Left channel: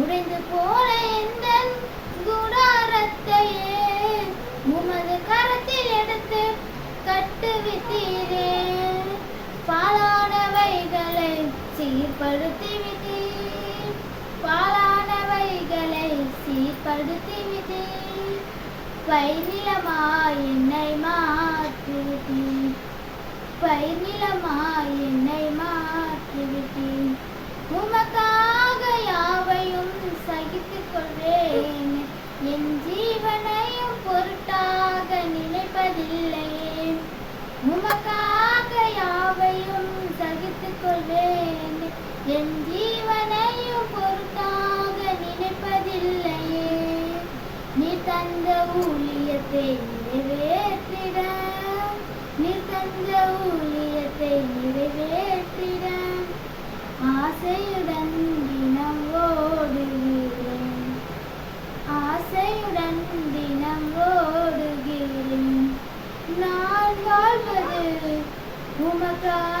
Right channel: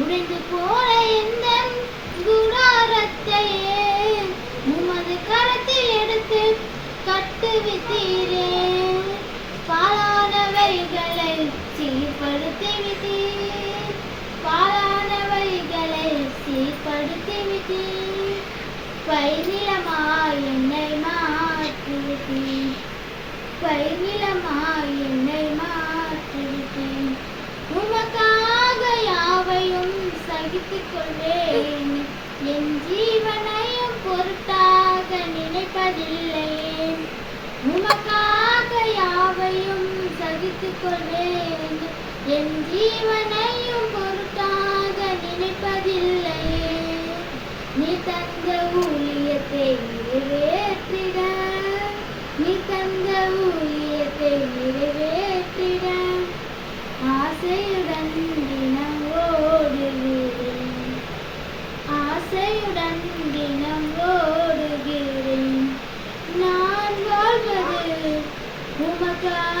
உடைந்து போல எந்த குடாரத்தையே உமது கரத்தில் எடுத்து கட்டுவித்தீரே. பாலானவைகளை சீர்படுத்தி விட்டீர், பாலானவைகளை சீர்படுத்தி விட்டீர். பைவிலமாய் என்னை மாற்றுவித்தீர், பைவிலமாய் என்னை மாற்றுவித்தீர். உமக்காக யாவையும் சகித்துக் கொள்வேன், என் ஜீவனையும் பொருட்டாக நினைப்பதில்லை. உமக்காக யாவையும் சகித்துக் கொள்வேன், என் ஜீவனையும் பொருட்டாக நினைப்பதில்லை. நீ தந்த ஊழியத்தை நிறைவேற்றிட, நீ தந்த ஊழியத்தை நிறைவேற்றிட ஆசையுடன் தினம் ஓடுகிறேன், ஆசையுடன் தினம் ஓடுகிறேன். நான் வாழ்வது உமக்காக.